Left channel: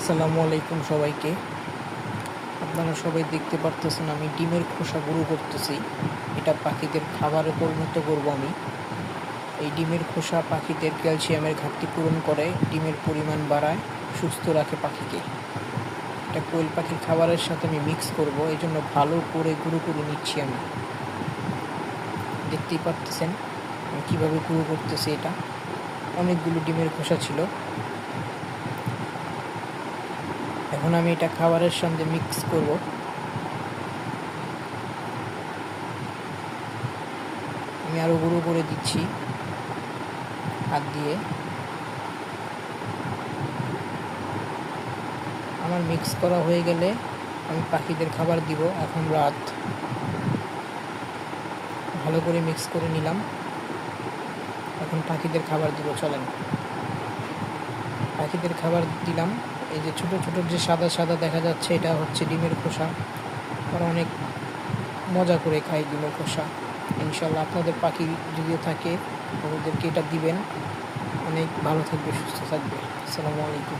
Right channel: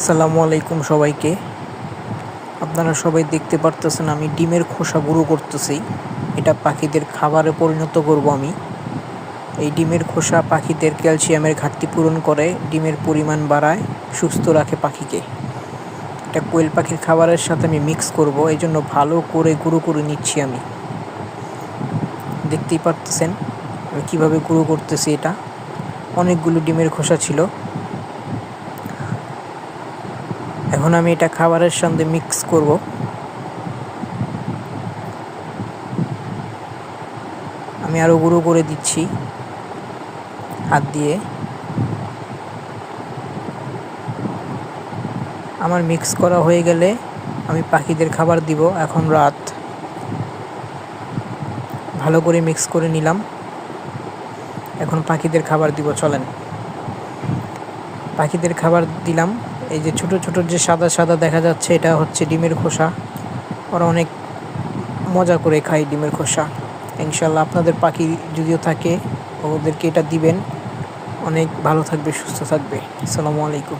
আসসালামু আলাইকুম সবাইকে। আপনারা সবাই দেখতে পারতেছেন আমি ডিমের খোসা গুঁড়ো করতেছি। এটা পাখিদের খাবারে পরিণত করব আমি। এই ডিমের খোসা পাখিদের ক্যালসিয়ামের ঘাটতি পূরণ করে, ডিমের পরিমাণ বাড়ায়, সুস্থ রাখে পাখিকে। এটা কোয়েল পাখির খাবারের সাথে আমি মিক্স করব, এই জন্য ভালো করে গুঁড়ো করে নিচ্ছি আমি। দেখতেই পারতেছেন আমি কীভাবে গুঁড়ো করতেছি। এটা অনেকগুলো ডিমের খোসা ছিল। এখন আমি এটা খাবারের সঙ্গে মিক্স করব। আমি আরও গুঁড়ো করে দিচ্ছি হাত দিয়ে। আমার মিক্স করা হয়ে গেলে আমি পাখিদের খাবার দিব। এখন রাত, ভালো করে মিক্স করে নিলাম। এখন পাখিদের খাবার দিব, চলেন। পাখিদের খাবার দিলাম। এই যে ছোট ছোট যে সাদা সাদা দেখা যাচ্ছে, এটা হচ্ছে ডিমের খোসা। ওরা অনেক মজা করে খায় ডিমের খোসা। ইনশাল্লাহ আপনাদের পাখি যদিও থাকে ওদেরকে এটা দিবেন, অনেক ভালো থাকবে, সুস্থ থাকবে। আসসালামু আলাইকুম।